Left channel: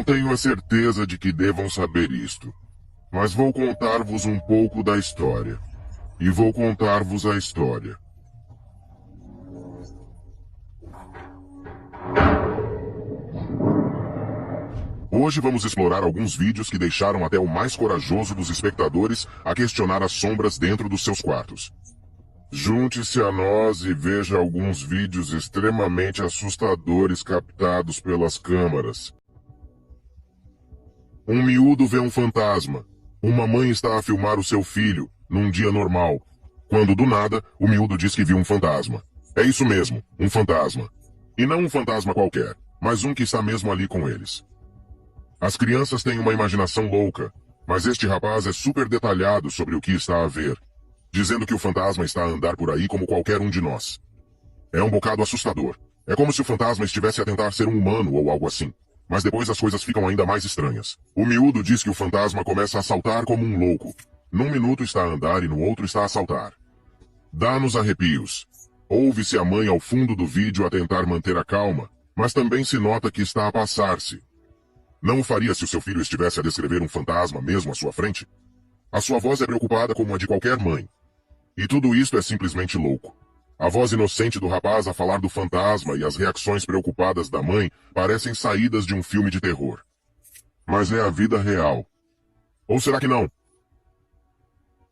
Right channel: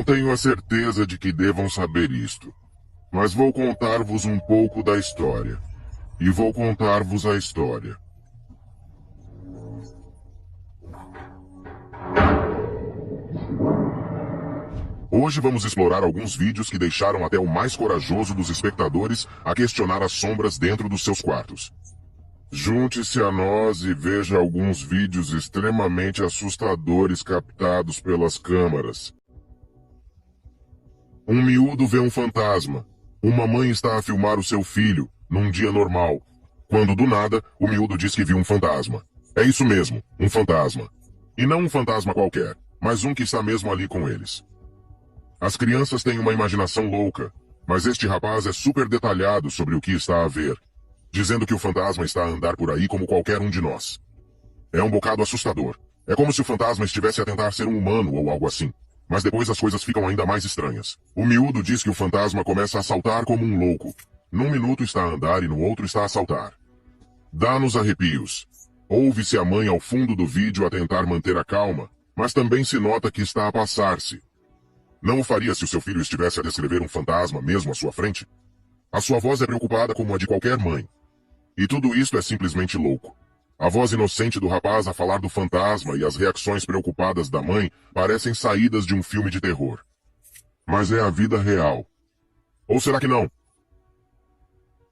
Não tenho a certeza de que devam saber isto, mas vou contar-vos um pouco da história. E vou contar-vos a história. Hoje vamos explorar alguns vídeos que deixaram até o mais corajoso dos espectadores a questionar as sombras dentro dos seus quartos. Junte-se a nós e veja alguns vídeos extremamente assustadores captados pelas câmeras. Um miúdo vê um fantasma. Uma mãe está a filmar o seu filho, num dia normal, quando do nada o miúdo diz que viu um fantasma. É isso mesmo, um fantasma. E não um fantasma qualquer, mas um que está mesmo ali com eles. As crianças têm uma imaginação louca, mas este rapaz é super detalhado sobre o que está a ver, dizendo que o fantasma está a andar por aí como qualquer um de nós. É um bocado assustador. É como se o fantasma estivesse a tentar ser um humano ou algo assim. Mas depois as coisas ficam ainda mais estranhas. O miúdo diz que o fantasma começa a saltar como um louco. Num minuto está a andar e no outro está a saltar. Dá-nos arrepios. Ouve-se a mãe ao fundo do vídeo a tentar manter a calma, mas também se nota que está a passar-se. Não o faria se o seu filho estivesse a descrever um fantasma mesmo à sua frente? A sua voz é preocupada como a de qualquer mãe. E tudo isto é simplesmente louco. A voz inocente do rapaz a falar do fantasma e as reações preocupadas da mãe parecem saídas de um filme de terror. Mas é a vida real. Ou será que não?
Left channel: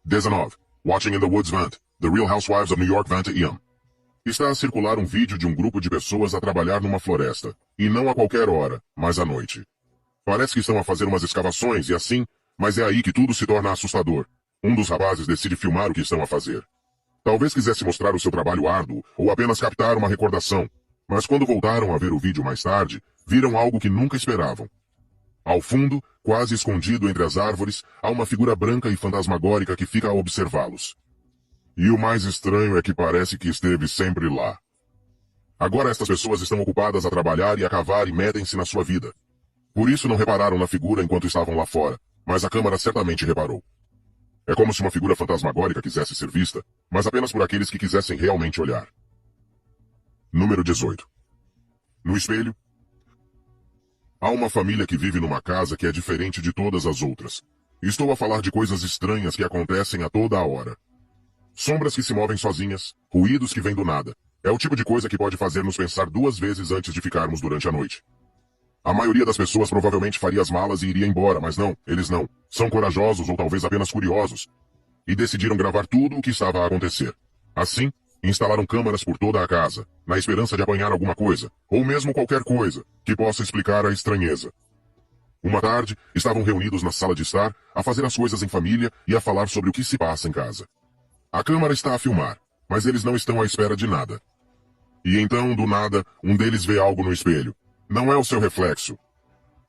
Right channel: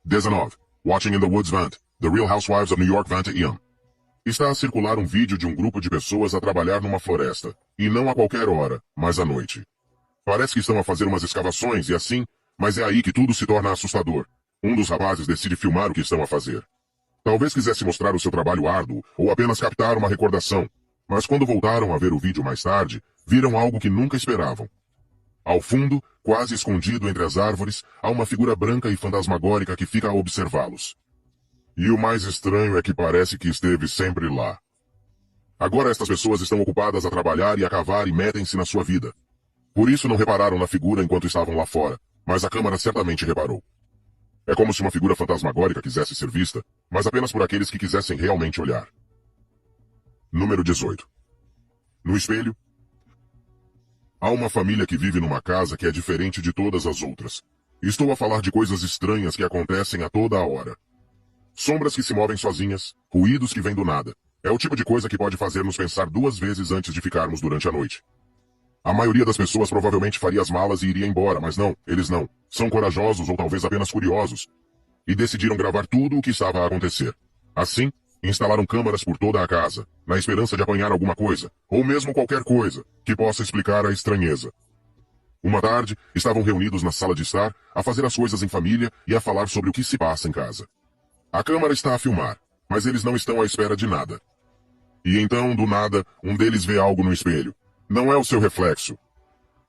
19. Watching in the Woods Vent. The Real Housewives of New York Vent Ian. Está a circular um vídeo de um grupo de pessoas a trabalhar numa floresta. E não a qualquer hora, mas à noite. Parece que estão a fazer umas escavações e assim, mas é aí que tudo se torna assustador. Um dos rapazes decide filmar o que estão a fazer. Talvez quisesse mostrar o seu trabalho árduo ou apenas captar uma recordação, mas quando voltaram a ver o vídeo mais tarde, viram algo que nunca esperavam. Ao fundo, quase escondido entre as árvores, há uma figura branca e fantasmagórica que fica a observá-los. E o mais estranho é que parece que esteve sempre lá. Agora estas pessoas estão ocupadas a trabalhar e a cavar e metem-se na sua vida. Por isso não repararam na figura enquanto estavam lá fora, mas a câmara certamente reparou. É como se uma figura fantasmagórica quisesse ser vista, mas apenas por aqueles que quisessem realmente olhar. Número 18. No espelho, há uma família que vive numa casa que é diferente de todas as outras. Estou a falar de coisas estranhas que acontecem a toda a hora. Sombras que se movem sozinhas, ruídos que vêm do nada. É o tipo de coisa que pode fazer-nos pensar duas vezes antes de ficarmos durante a noite. A maioria das pessoas provavelmente faria as malas e iria embora, mas não, eles não. São corajosos ou talvez apenas curiosos. E decidiram gravar tudo o que estava a acontecer. Assim, instalaram câmaras por toda a casa, na esperança de apanhar alguma coisa, ou mesmo qualquer coisa, que possa explicar a estranheza. Uma tarde, estavam reunidos na sala de estar, a fazer as coisas em família e a falar sobre o que se passa em casa. A câmara está a filmar, mas eles não estão à espera de nada. E então, do nada, um deles vê algo no espelho. Não é o seu reflexo.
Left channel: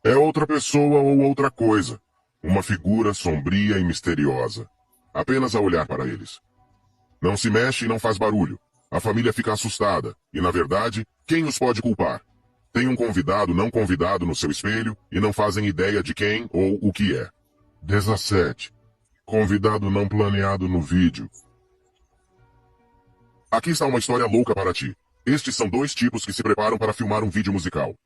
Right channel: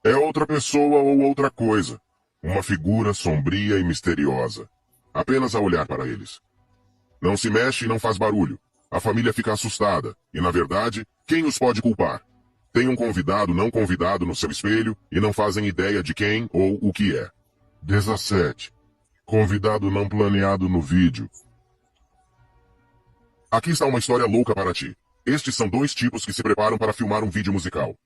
É outra pessoa ou outra coisa. Uma figura sombria e misteriosa. Apenas a olhar para eles. Não se mexe e não faz barulho. A família fica assustada. E, na verdade, quem os pode culpar? Tem um convidado não convidado no seu espelho e não fazem ideia de quem ou o que é. 17. Convidado não planeado no vídeo. Aqui está uma história louca para ti. Estes são dois tipos que se preparam para filmar um vídeo musical.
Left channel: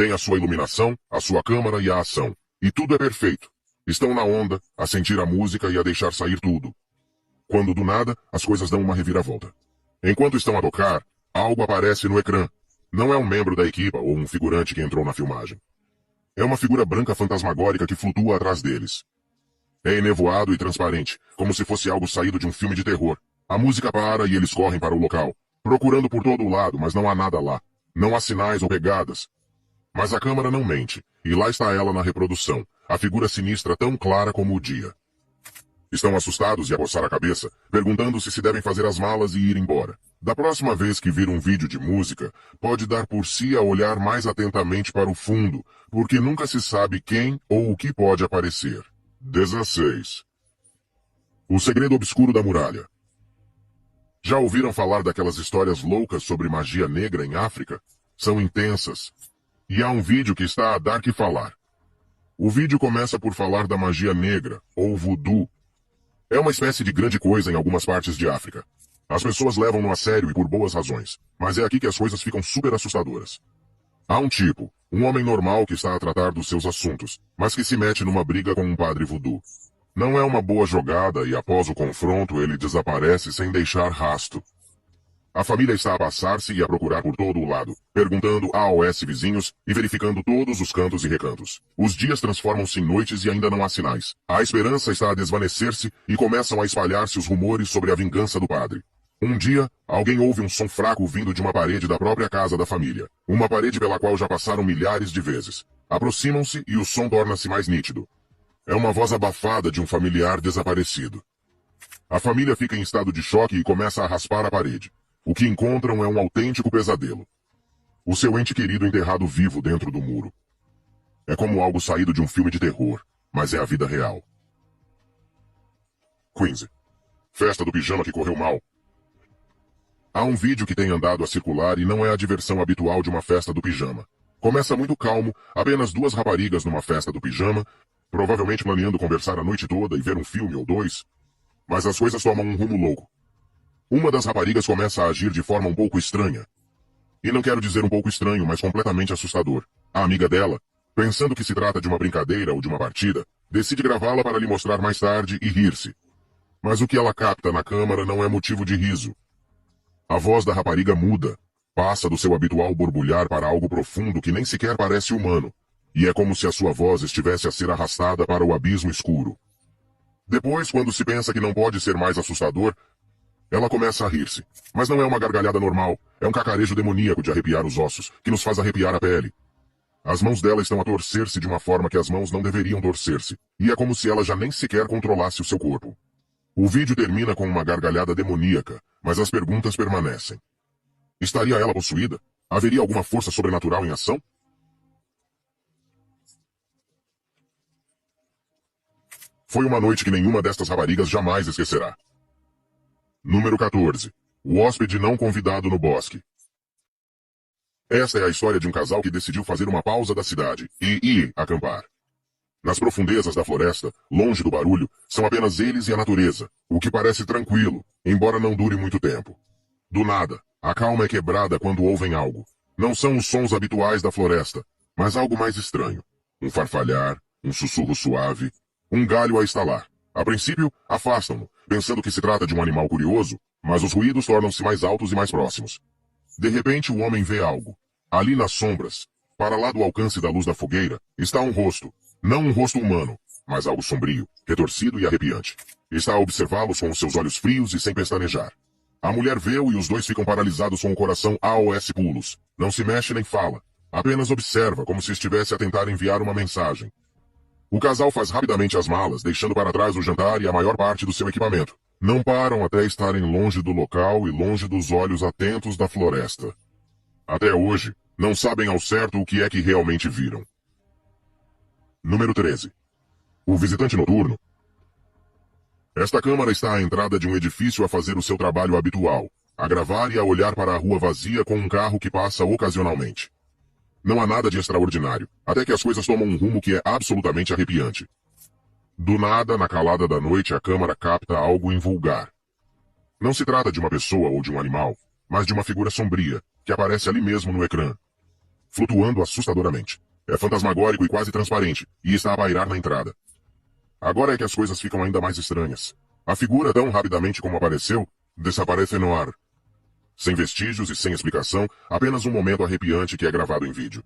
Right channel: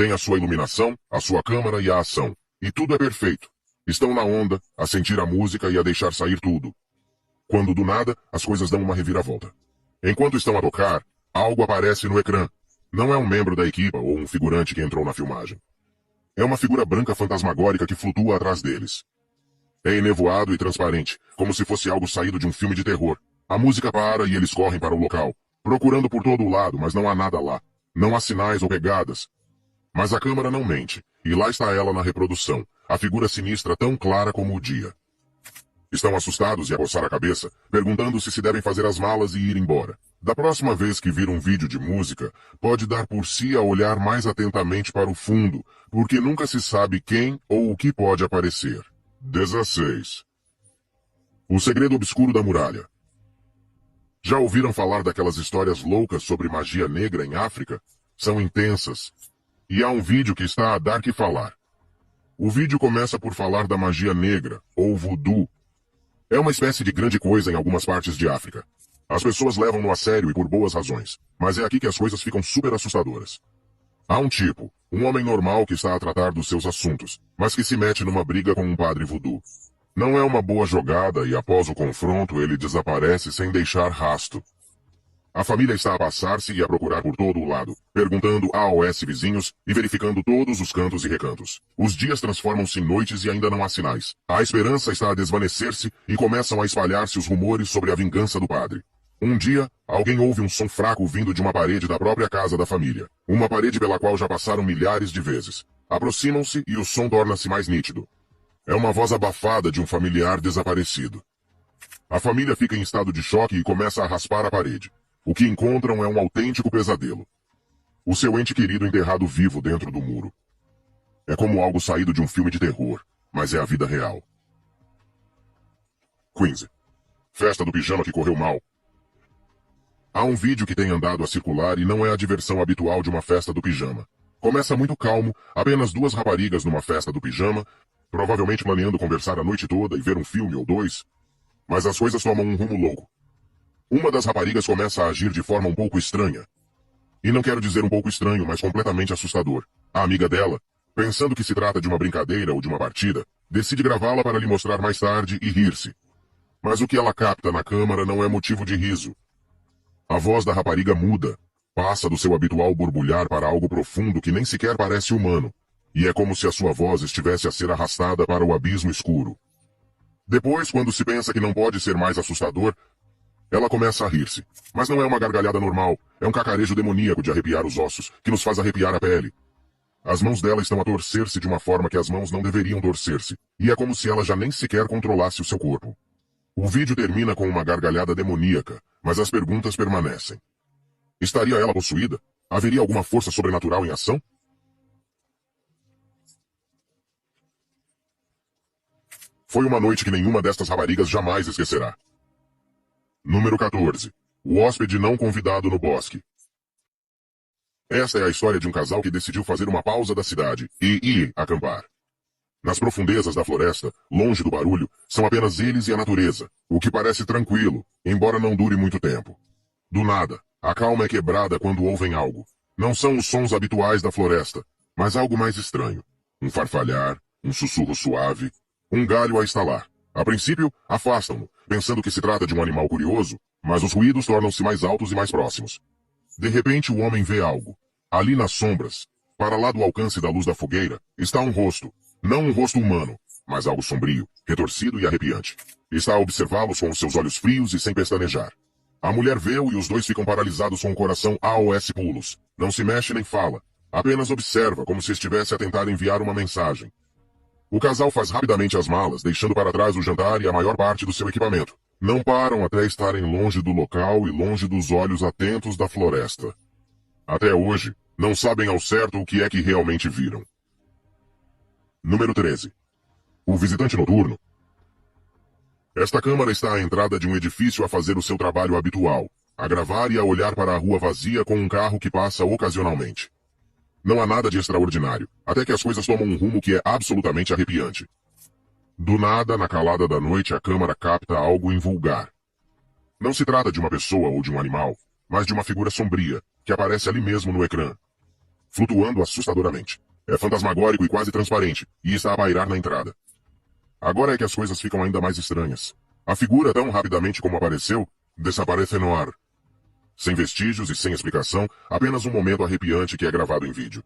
Tem a sua iluminação, a sua câmera e a ação. E tudo é perfeito. Estão na onda, a sentir a música e a deixar sair tudo. Quando do nada, as coisas dão uma reviravolta. Enquanto estão a tocar, algo aparece no ecrã. Não é um membro da equipa ou um figurante que entrou na filmagem. É uma figura branca fantasmagórica que flutua atrás deles. É enevoado e transparente, como se fosse algo saído de um filme de terror. A música para e eles correm para o local, procurando por todo lado, mas não há nada lá. Não há sinais ou pegadas. Mas a câmera não mente, e lá está ela na reprodução, a figura sinistra tão clara como o dia. Estão assustados e a coçar a cabeça, perguntando se devem fazer as malas e ir embora. Da próxima vez que vir um vídeo de música, pode dar por si a olhar mais atentamente para o fundo, porque nunca se sabe quem ou o que pode aparecer. 16. O segredo obscuro da muralha. Já ouviram falar daquelas histórias loucas sobre magia negra em África? São intensas. E há um vídeo que está a dar que falar. O vídeo começa por falar da magia negra, ou voodoo. É uma espécie de grande coisa em algumas partes de África. As pessoas levam-no a sério e por boas razões, mas é aqui que as coisas ficam super assustadoras. Há um tipo, um homem normal que está a tratar dos seus assuntos, mas que se mete numa briga com um padre voodoo. Não é uma boa jogada e após o confronto ele desaparece sem deixar rastro. A família está a passar-se e a procurar por todo o lado, perguntando a AOS vizinhos e verificando todos os cantos e recantos. Os dias transformam-se em noites e ainda não há sinais. A esperança está a desvanecer-se e começam a espalhar-se os rumores sobre a vingança do padre. Um dia, alguém ouve um som fraco vindo de uma parede da própria casa da família. Uma parede pela qual já passaram milhares de vezes. Aproximam-se e o som torna-se mais nítido. É uma voz abafada de um familiar desaparecido. A família fica em estado de choque e começa a raspar a parede. O que encontram é um autêntico pesadelo. O seu ente querido enterrado vivo dentro do muro. É como algo saído de um filme de terror, mas é a vida real. 15. Festa do pijama que correu mal. Há um vídeo que tem andado a circular e não é a diversão habitual de uma festa do pijama. Começa muito calmo, apenas duas raparigas numa festa do pijama, provavelmente planeando conversar a noite toda e ver um filme ou dois, mas as coisas tomam um rumo louco. Uma das raparigas começa a agir de forma um pouco estranha. E não quero dizer um pouco estranho, mas completamente assustador. A amiga dela, pensando que se trata de uma brincadeira ou de uma partida, decide gravá-la para lhe mostrar mais tarde e rir-se. Mas o que ela capta na câmara não é motivo de riso. A voz da rapariga muda, passa do seu habitual borbulhar para algo profundo que nem sequer parece humano, e é como se a sua voz estivesse a ser arrastada para o abismo escuro. Depois, quando se pensa que não pode ser mais assustador, ela começa a rir-se. Mas não é uma gargalhada normal, é um cacarejo demoníaco de arrepiar os ossos, que nos faz arrepiar a pele. As mãos dela estão a torcer-se de uma forma que as mãos não deveriam torcer-se, e é como se ela já nem sequer controlasse o seu corpo. O vídeo termina com uma gargalhada demoníaca, mas as perguntas permanecem. Estaria ela possuída? Haveria alguma força sobrenatural em ação? Foi uma noite que nenhuma destas raparigas jamais esquecerá. Número 14. O hóspede não convidado no bosque. Esta é a história de um casal que decidiu fazer uma pausa da cidade e ir acampar. Nas profundezas da floresta, longe do barulho, são apenas eles e a natureza, o que parece tranquilo, embora não dure muito tempo. Do nada, a calma é quebrada quando ouvem algo. Não são os sons habituais da floresta, mas algo mais estranho. Um farfalhar, um sussurro suave, um galho a estalar. A princípio, afastam-no, pensando que se trata de um animal curioso, mas os ruídos tornam-se mais altos e mais próximos. De repente, o homem vê algo. Ali nas sombras, para lá do alcance da luz da fogueira, está um rosto. Não um rosto humano, mas algo sombrio, retorcido e arrepiante. Está a observá-los com os seus olhos frios e sem pestanejar. A mulher vê-o e os dois ficam paralisados com o coração aos pulos. Não se mexe nem fala. Apenas observa, como se estivesse a tentar enviar uma mensagem. O casal faz rapidamente as malas, deixando para trás o jantar e a maior parte do seu equipamento. Não param até estarem longe do local e longe dos olhos atentos da floresta. Até hoje, não sabem ao certo o que é que realmente viram. Número 13. O visitante noturno. Esta câmara está à entrada de um edifício a fazer o seu trabalho habitual, a gravar e a olhar para a rua vazia com um carro que passa ocasionalmente. Não há nada de extraordinário, até que as coisas tomam um rumo que é absolutamente arrepiante. Do nada, na calada da noite, a câmara capta algo invulgar. Não se trata de uma pessoa ou de um animal, mas de uma figura sombria, que aparece ali mesmo no ecrã, flutuando assustadoramente. É fantasmagórico e quase transparente, e está a pairar na entrada. Agora é que as coisas ficam ainda mais estranhas. A figura, tão rapidamente como apareceu, desaparece no ar. Sem vestígios e sem explicação, apenas um momento arrepiante que é gravado em vídeo.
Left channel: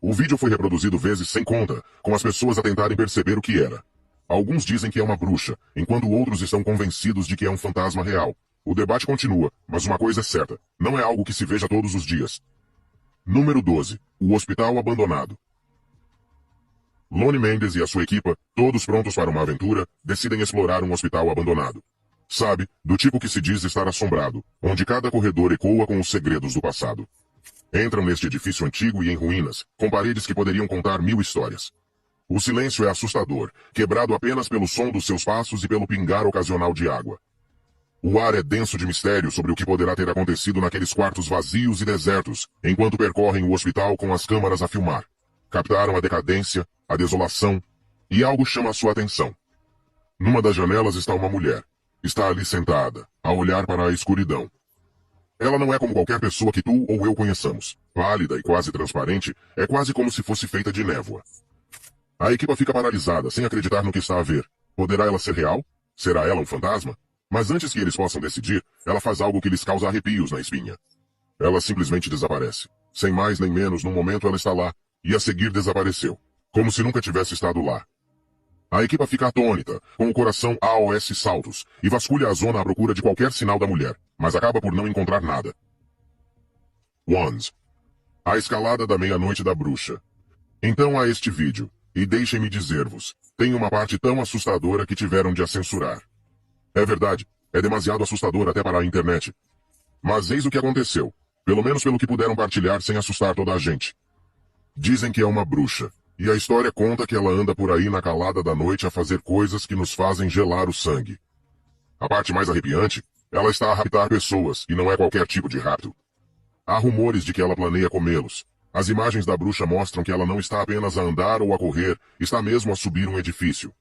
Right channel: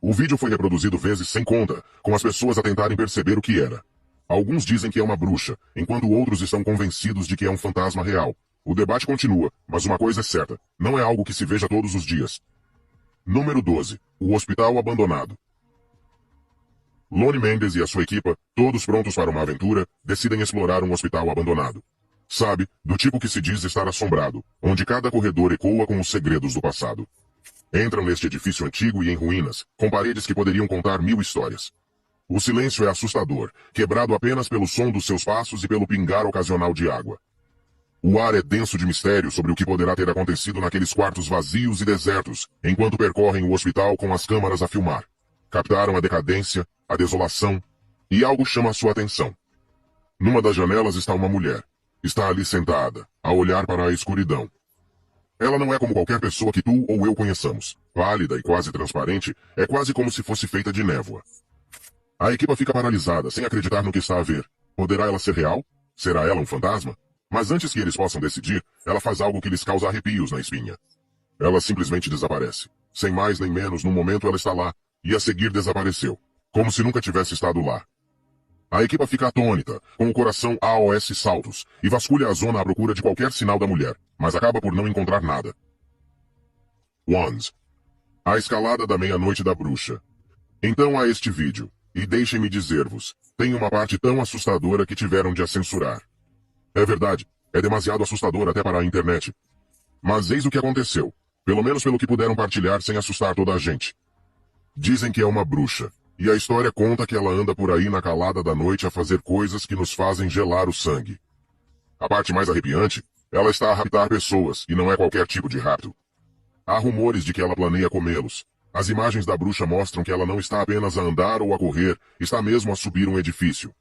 O vídeo foi reproduzido vezes sem conta, com as pessoas a tentarem perceber o que era. Alguns dizem que é uma bruxa, enquanto outros estão convencidos de que é um fantasma real. O debate continua, mas uma coisa é certa, não é algo que se veja todos os dias. Número 12. O hospital abandonado. Lone Mendes e a sua equipa, todos prontos para uma aventura, decidem explorar um hospital abandonado. Sabe, do tipo que se diz estar assombrado, onde cada corredor ecoa com os segredos do passado. Entram neste edifício antigo e em ruínas, com paredes que poderiam contar 1000 histórias. O silêncio é assustador, quebrado apenas pelo som dos seus passos e pelo pingar ocasional de água. O ar é denso de mistério sobre o que poderá ter acontecido naqueles quartos vazios e desertos, enquanto percorrem o hospital com as câmaras a filmar. Captaram a decadência, a desolação, e algo chama a sua atenção. Numa das janelas está uma mulher. Está ali sentada, a olhar para a escuridão. Ela não é como qualquer pessoa que tu ou eu conheçamos. Pálida e quase transparente, é quase como se fosse feita de névoa. A equipa fica paralisada, sem acreditar no que está a ver. Poderá ela ser real? Será ela um fantasma? Mas antes que eles possam decidir, ela faz algo que lhes causa arrepios na espinha. Ela simplesmente desaparece. Sem mais nem menos, no momento ela está lá, e a seguir desapareceu. Como se nunca tivesse estado lá. A equipa fica atônita, com o coração AOS saltos, e vasculha a zona à procura de qualquer sinal da mulher, mas acaba por não encontrar nada. Wands. A escalada da meia-noite da bruxa. Então há este vídeo, e deixem-me dizer-vos, tem uma parte tão assustadora que tiveram de a censurar. É verdade, é demasiado assustador até para a internet. Mas eis o que aconteceu, pelo menos pelo que puderam partilhar sem assustar toda a gente. Dizem que é uma bruxa. E a história conta que ela anda por aí na calada da noite a fazer coisas que nos fazem gelar o sangue. A parte mais arrepiante, ela está a raptar pessoas, e não é qualquer tipo de rapto. Há rumores de que ela planeia comê-los. As imagens da bruxa mostram que ela não está apenas a andar ou a correr, está mesmo a subir um edifício.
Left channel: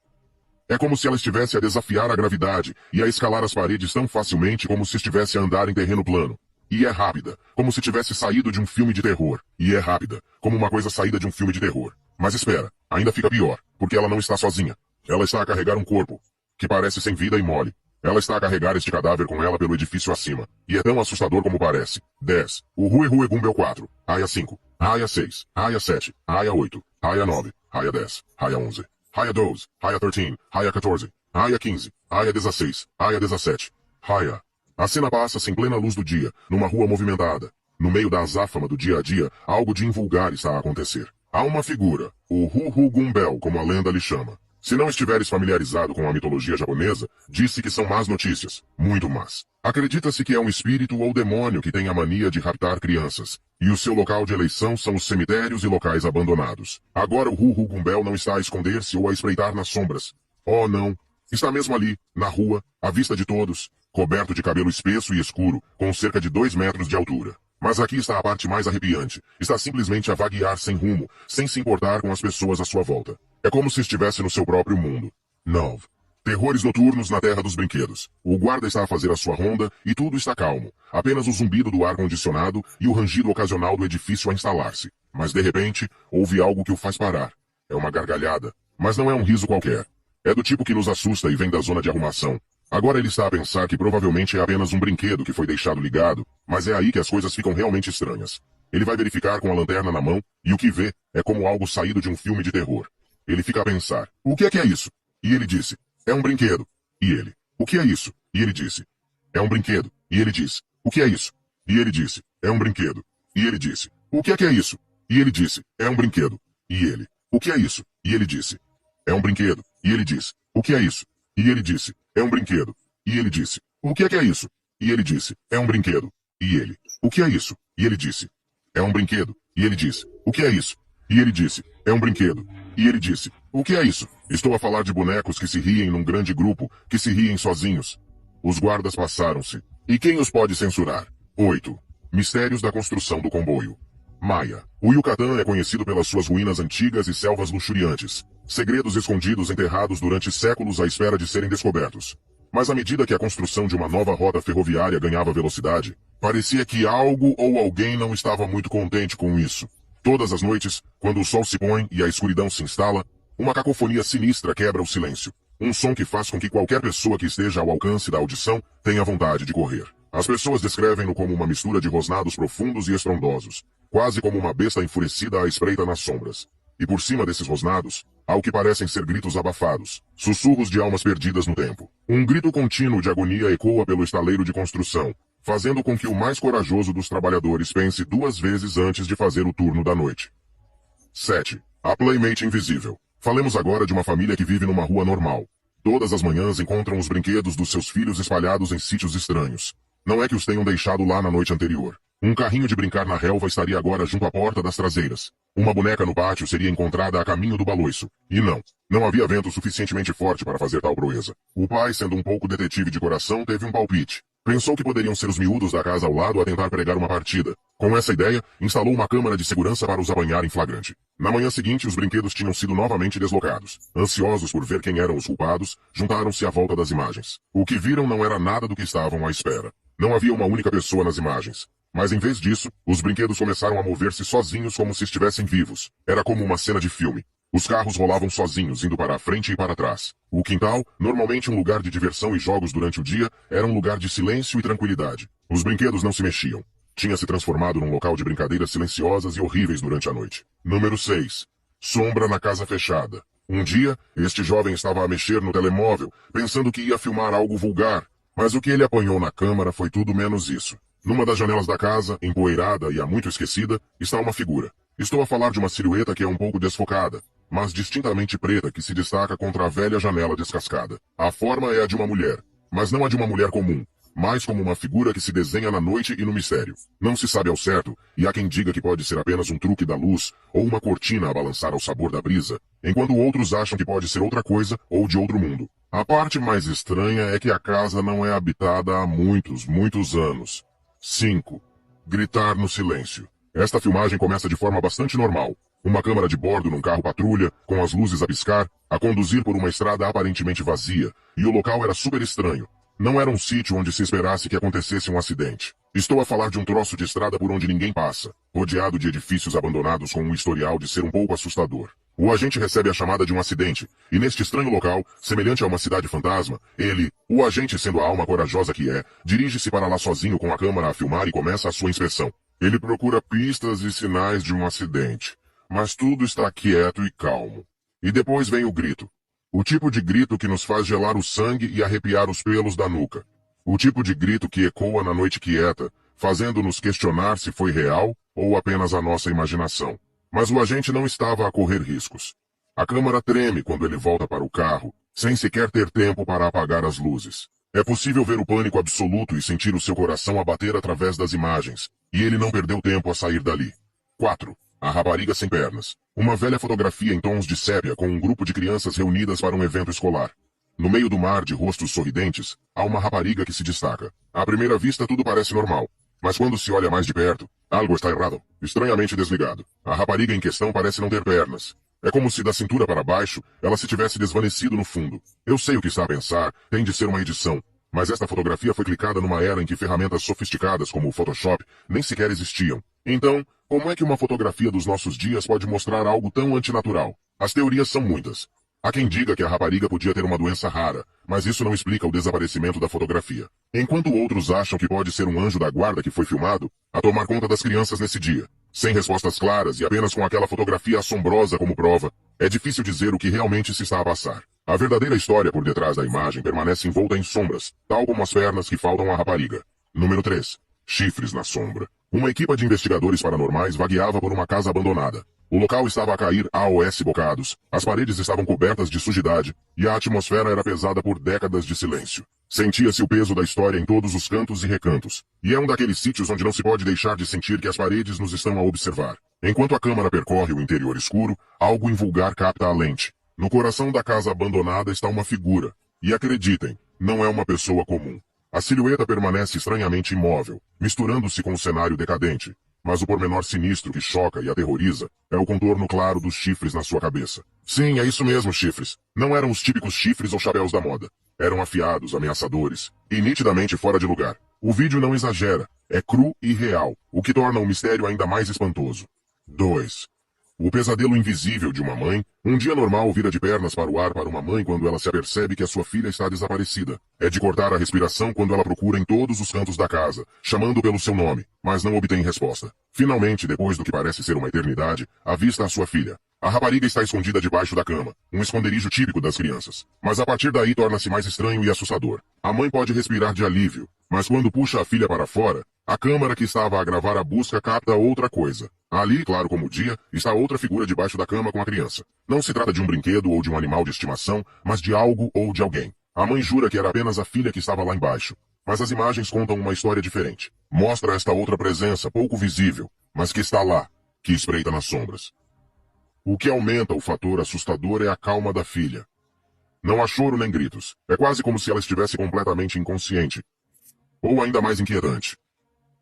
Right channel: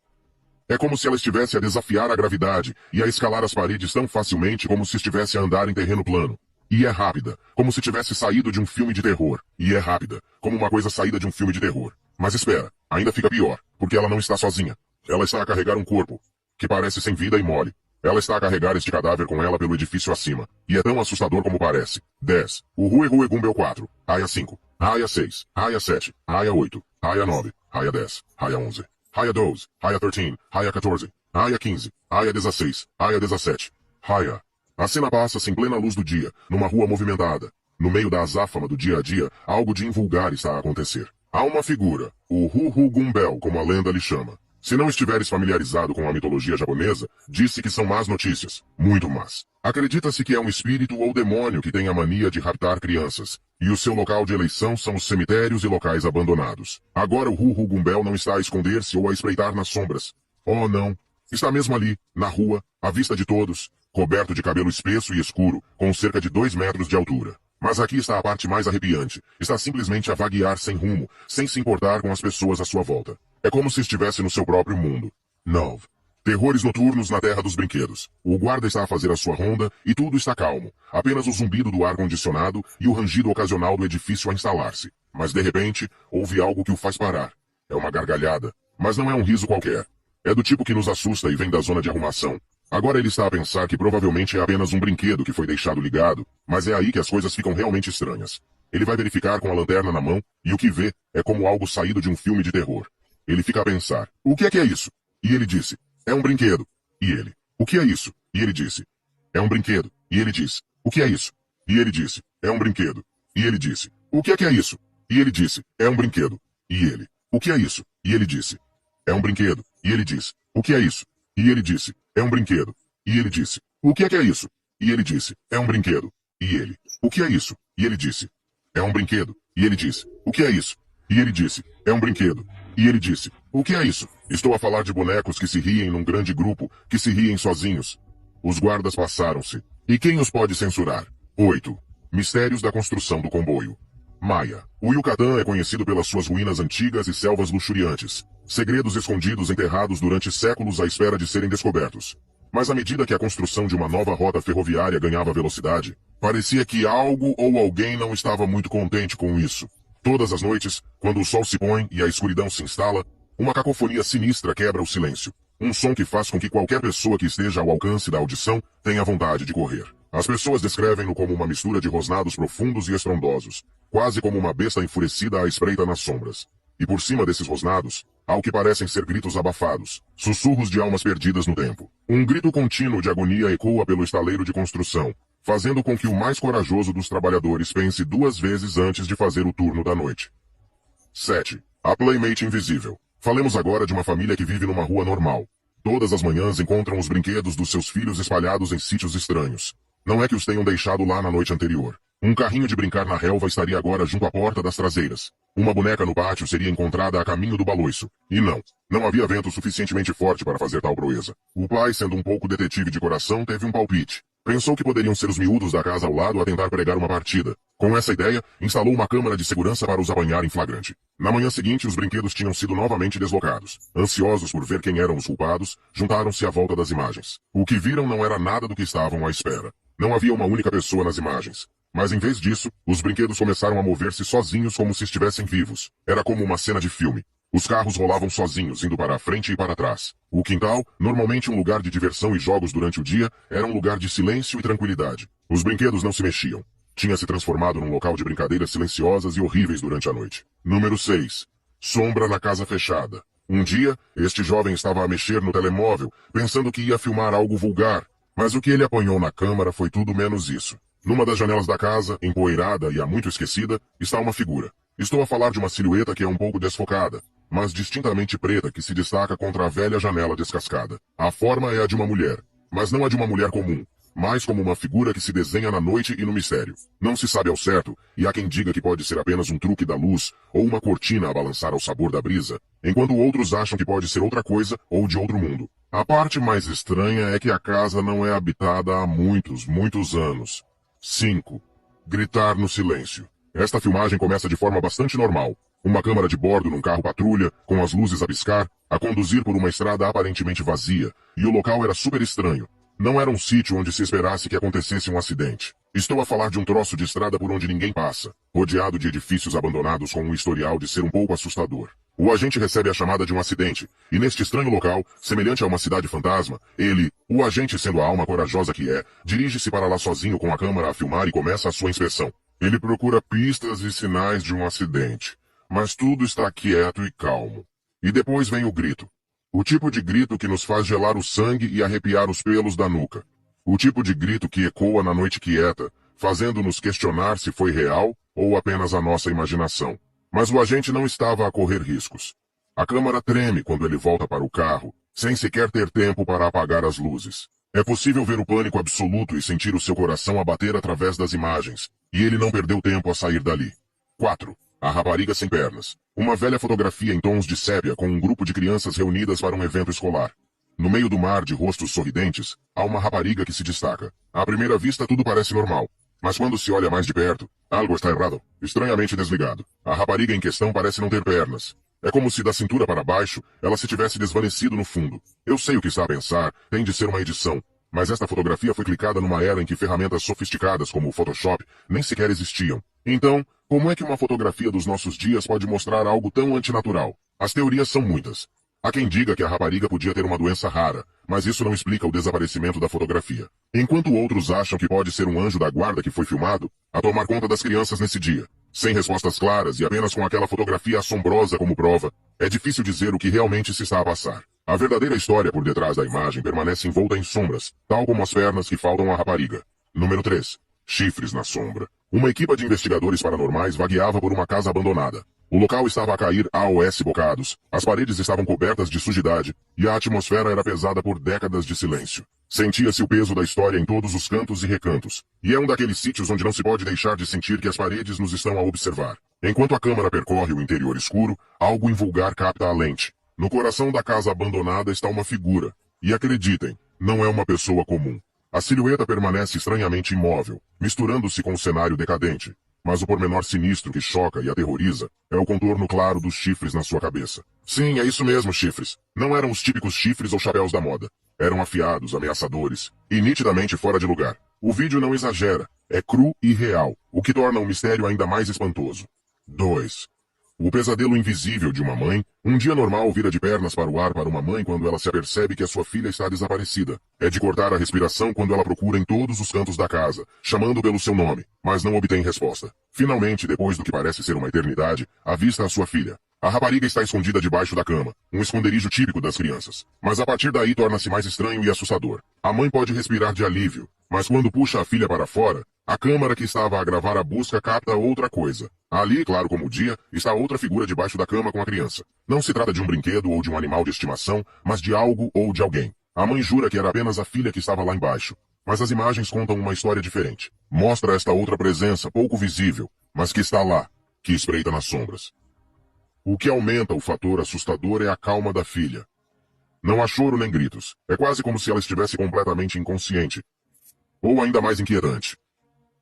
É como se ela estivesse a desafiar a gravidade e a escalar as paredes tão facilmente como se estivesse a andar em terreno plano. E é rápida, como se tivesse saído de um filme de terror. E é rápida, como uma coisa saída de um filme de terror. Mas espera, ainda fica pior, porque ela não está sozinha. Ela está a carregar um corpo, que parece sem vida e mole. Ela está a carregar este cadáver com ela pelo edifício acima. E é tão assustador como parece. 10. O Rue Rue Gumbel 4. Raia 5. Raia 6. Raia 7. Raia 8. Raia 9. Raia 10. Raia 11. Raia 12. Raia 13. Raia 14. Raia 15. Raia 16. Raia 17. Raia. A cena passa-se em plena luz do dia, numa rua movimentada. No meio da azáfama do dia a dia, algo de invulgar está a acontecer. Há uma figura, o Rue Gumbel, como a lenda lhe chama. Se não estiveres familiarizado com a mitologia japonesa, disse que são más notícias. Muito más. Acredita-se que é um espírito ou demônio que tem a mania de raptar crianças. E o seu local de eleição são os cemitérios e locais abandonados. Agora o Rue Gumbel não está a esconder-se ou a espreitar nas sombras. Oh, não. Está mesmo ali, na rua, à vista de todos, coberto de cabelo espesso e escuro, com cerca de 2 metros de altura. Mas aqui está a parte mais arrepiante. Está simplesmente a vaguear sem rumo, sem se importar com as pessoas à sua volta. É como se estivesse no seu próprio mundo. 9. Terrores noturnos na terra dos brinquedos. O guarda está a fazer a sua ronda e tudo está calmo. Apenas o zumbido do ar-condicionado e o rangido ocasional do edifício a instalar-se. Mas de repente, houve algo que o faz parar. É uma gargalhada. Mas não é um riso qualquer. É do tipo que nos assusta e vem da zona de arrumação. Agora ele está a pensar que provavelmente é apenas um brinquedo que foi deixado ligado, mas é aí que as coisas ficam realmente estranhas. Ele vai verificar com a lanterna na mão e o que vê é como algo saído de um filme de terror. Ele fica a pensar, o que é isso? E ele disse, é um brinquedo. E ele, o que é isso? E ele disse, é um brinquedo. E ele disse, o que é isso? E ele disse, é um brinquedo. E ele disse, o que é isso? E ele disse, é um brinquedo. E ele, o que é isso? E ele disse, é um brinquedo. E ele disse, o que é isso? E ele disse, é um brinquedo. E ele disse, o que é isso? E ele disse, é um brinquedo. E ele, o que é isso? E ele disse, é um brinquedo. E ele disse, o que é isso? E ele disse, é um brinquedo. E ele disse, o que é isso? Estou a falar de bonecos que se riem num grande grupo, que se riem sozinhos. Os guardas passaram-se. E quem os pode censurar? 8. Mistérios da construção do comboio. Maia. O Yucatán é conhecido pelas suas ruínas antigas e selvas luxuriantes. Segredos escondidos enterrados durante séculos à espera de serem descobertos. Mas à medida que a construção de uma nova rota ferroviária ganhava velocidade, parecia que algo ou alguém não estava muito contente com isso. Todas as noites, quando o sol se põe e a escuridão se instala, uma cacofonia sinistra quebra o silêncio. Um som que faz com que qualquer pessoa que esteja ao alcance da audição tenha vontade de correr. As pessoas descrevem-no como uma mistura de rosnados profundos e estrondosos, quase como uma besta enfurecida à espreita nas sombras. E por cima desses rosnados, há o que parecem ser gritos abafados, sussurros de almas perdidas no tempo. Um grito contínuo de agonia ecoa pelo estaleiro de construção, fazendo com que o mais corajoso dos trabalhadores pense 2 vezes antes de fazer o turno da noite. 7. A Playmate Invisível. Falemos agora de uma família que vive numa rua normal. Todas as manhãs encontram os brinquedos dos seus filhos espalhados em sítios estranhos. Não é que os tenham deixado lá na noite anterior. Um carrinho de brincar na relva estaria agora junto à porta das traseiras. Uma boneca no pátio seria encontrada a caminho do baloiço. E não havia vento suficientemente forte para fazer tal proeza. O pai, sendo um pouco detetive de coração, teve um palpite. Pensou que poderiam ser os miúdos da casa ao lado a tentar pregar uma partida. Com essa ideia, instalou uma câmara de segurança para os apanhar em flagrante. Na manhã seguinte, os brinquedos tinham sido novamente deslocados. Ansiosos por ver quem eram os culpados, juntaram-se à volta das imagens. O que viram não era nada do que estavam à espera. Não havia uma única pessoa nas imagens. Mas em vez disso, os brinquedos começaram a mover-se sozinhos como se estivessem vivos. Era como uma cena de filme. Os carros rolavam sozinhos, indo para a frente e para trás. O quintal, normalmente um lugar de diversão e jogos durante o dia, era um lugar de silêncio e tranquilidade. Os brinquedos não se mexiam. Tinha se transformado num local de brincadeiras silenciosas e horríveis durante a noite. Número 6. Sombra na casa fechada. Um dia, este jovem estava a mexer no telemóvel, pensando que ia filmar algo vulgar. Mas o que ele apanhou na câmara foi tudo menos isso. Numa das janelas da casa, empoeirada e há muito esquecida, está uma figura. Estou a falar de uma silhueta que é um pouco desfocada, mas distintamente preta que se destaca contra a velha janela descascada. A forma é a de uma mulher, mas não a de uma mulher comum, mais como uma figura que se desenha na noite e no mistério. Não se sabe ao certo, e há quem diga que pode ser apenas um truque da luz ou uma cortina a balançar ao sabor da brisa, enquanto outros acham que pode ser outra coisa ou de outro mundo. A parte mais estranha é que a casa não é habitada há muitos anos. 5. Gritar no silêncio. Esta filmagem começa de forma bastante normal. Uma câmara de bordo num carro patrulha, com as luzes a piscar, a conduzir por uma estrada aparentemente vazia, e o local era super estranho. Não era um sítio onde se esperasse que acontecesse um acidente. Estou a falar de um troço de estrada por onde ninguém passa, rodeado de edifícios abandonados com um historial de ser um pouco assustador. O agente recebe a chamada de um acidente, e neste estranho local, semelhante a uma cidade fantasma, o agente sendo a alma corajosa que é, dirige-se para lá sozinho com a câmera a filmar e começa a sua inspeção. Ele procura pistas e sinais de um acidente, mas tudo está quieto e calmo. E depois vem o grito. O tipo de grito que nos faz gelar o sangue e arrepiar os pelos da nuca. O tipo de grito que ecoa na noite quieta, fazendo-nos questionar se foi real ou apenas a nossa imaginação. Mas o agente não estava a correr riscos. A câmara treme quando ele volta para o carro, sem sequer ter tempo para apagar as luzes. É possível ver o pânico absoluto e sentir o seu coração a bater através das imagens, e ele não perdeu tempo a sair dali. 4. A rapariga sem pernas. Uma velha fotografia em tons de sépia com um grupo de crianças reunidas para um evento escolar. No meio do mar de rostos sorridentes, há uma rapariga que se destaca. À primeira vista tudo parece normal, mas quando se olha mais de perto, algo está errado. Estranhamente desligado. A rapariga em questão parece não ter pernas. É como se da cintura para baixo, ela se tivesse desvanecido no fundo. Eu sei o que está a pensar, tem de ser uma edição. Mas esta fotografia foi clicada numa era em que ferramentas sofisticadas como o Photoshop nem sequer existiam. Então, como é que uma fotografia dos nossos dias pode mostrar algo tão antinatural? As teorias são muitas. Há quem diga que a rapariga podia ter uma doença rara, mas isso não explica o desaparecimento da fotografia. Enquanto outros acham que pode ser um anjo da guarda que foi filmado a tomar conta das crianças nesse dia. Sem respostas claras e apenas com aquela fotografia assombrosa como prova, é difícil dizer o que realmente se está a passar. A verdadeira história por detrás da imagem permanece envolta em sombras, tal como as pernas que faltam à rapariga. Número 3. Chifres na sombra. Uma equipa de investigadores paranormais vagueava por uma casa abandonada. O local estava a cair AOS bocados, as paredes estavam cobertas de sujidade, e a atmosfera era pesada por décadas de silêncio. Sentia-se o peso da história em todos os cantos e recantos, e é um daqueles sítios onde não se pode deixar de sentir que as paredes nos estão a observar. Enquanto a câmera percorre o interior escuro, algo invulgar capta a lente. No coração da casa abandonada está uma figura, e acreditem, não é uma pessoa comum. A silhueta permanece estranhamente imóvel, misturando-se com o cenário decadente. Mas o pormenor sinistro que choca e aterroriza é o contorno claro dos chifres na sua cabeça. Sim, é isso mesmo, chifres. Não eram os típicos chifres ou chapéus da moda. Eram afiados, ameaçadores e nitidamente fora de lugar. O vídeo não exagera, é cru e real, o que torna o mistério ainda mais espantoso. 2. O pesadelo invisível de uma mãe. Um dia normal vira de pernas para o ar para uma mãe quando ela se apercebe que a sua filha está desaparecida. É de cortar a respiração quando ela procura em todos os cantos da casa, chamando pelo seu nome, mas não obtém resposta. Finalmente, depois do que parece ser uma eternidade, avista a sua filha. A rapariga está escondida debaixo da cama, um esconderijo típico das crianças. Mas a partir daí torna-se mais estranho e assustador. A mãe pode respirar de alívio, mas quando puxa a filha para fora, a câmara que estava a gravar a busca capta outra coisa. Ali, claro como o dia, está outra figura debaixo da cama com a criança. Não se trata de um brinquedo ou de um animal de estimação, mas de algo ou de alguém. A mãe jura que era apenas a filha que estava lá embaixo. Mas as imagens contam uma história diferente. Mostra esta outra presença, pouco visível, mas que está lá, que espreita nas sombras. O que aumenta o fator assustador é a calma da filha. Não há choro nem gritos. É quase como se ela estivesse completamente inconsciente. Ou ainda mais inquietante.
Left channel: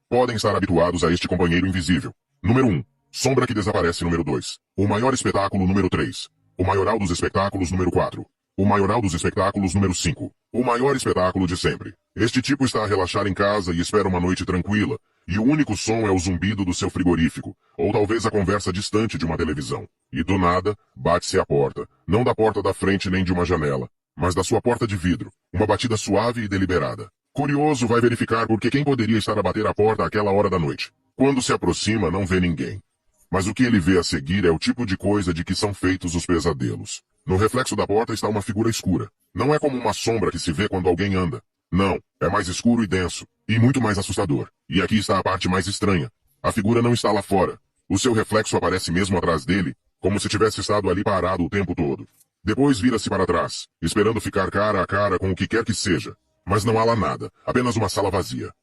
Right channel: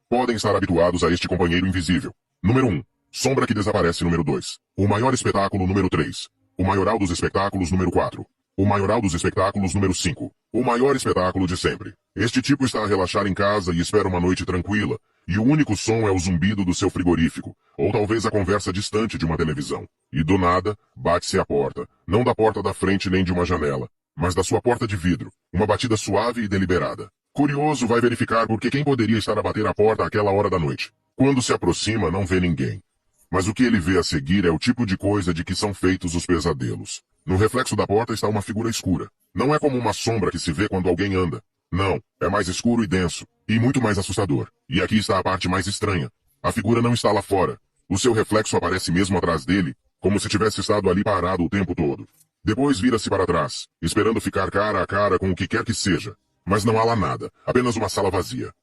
Podem estar habituados a este companheiro invisível. Número 1. Sombra que desaparece número 2. O maior espetáculo número 3. O maioral dos espectáculos número 4. O maioral dos espectáculos número 5. O maior espetáculo de sempre. Este tipo está a relaxar em casa e espera uma noite tranquila, e o único som é o zumbido do seu frigorífico, ou talvez a conversa distante de uma televisão. E do nada, bate-se à porta, não da porta da frente nem de uma janela, mas da sua porta de vidro, uma batida suave e deliberada. Curioso, vai verificar porque quem poderia estar a bater à porta àquela hora da noite. Quando se aproxima, não vê ninguém. Mas o que ele vê a seguir é o tipo de coisa de que são feitos os pesadelos. No reflexo da porta está uma figura escura. Não é como uma sombra que se vê quando alguém anda. Não, é mais escuro e denso, e muito mais assustador. E aqui está a parte mais estranha. A figura não está lá fora. O seu reflexo aparece mesmo atrás dele, como se tivesse estado ali parado o tempo todo. Depois vira-se para trás, esperando ficar cara a cara com o que quer que seja. Mas não há lá nada, apenas uma sala vazia.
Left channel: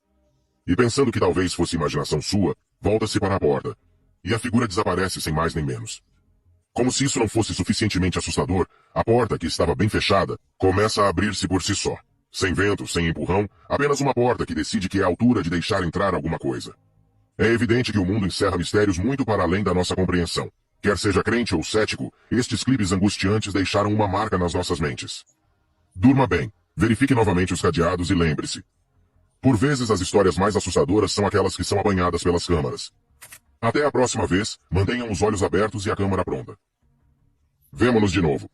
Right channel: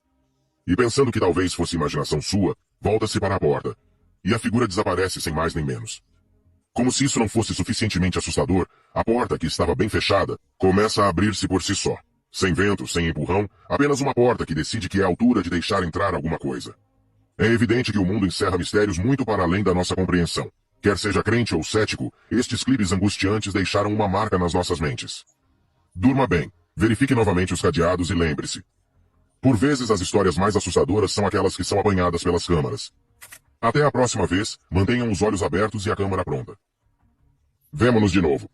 E pensando que talvez fosse imaginação sua, volta-se para a porta. E a figura desaparece sem mais nem menos. Como se isso não fosse suficientemente assustador, a porta, que estava bem fechada, começa a abrir-se por si só. Sem vento, sem empurrão, apenas uma porta que decide que é a altura de deixar entrar alguma coisa. É evidente que o mundo encerra mistérios muito para além da nossa compreensão. Quer seja crente ou cético, estes clipes angustiantes deixaram uma marca nas nossas mentes. Durma bem, verifique novamente os cadeados e lembre-se. Por vezes as histórias mais assustadoras são aquelas que são apanhadas pelas câmaras. Até a próxima vez, mantenham os olhos abertos e a câmera pronta. Vemo-nos de novo.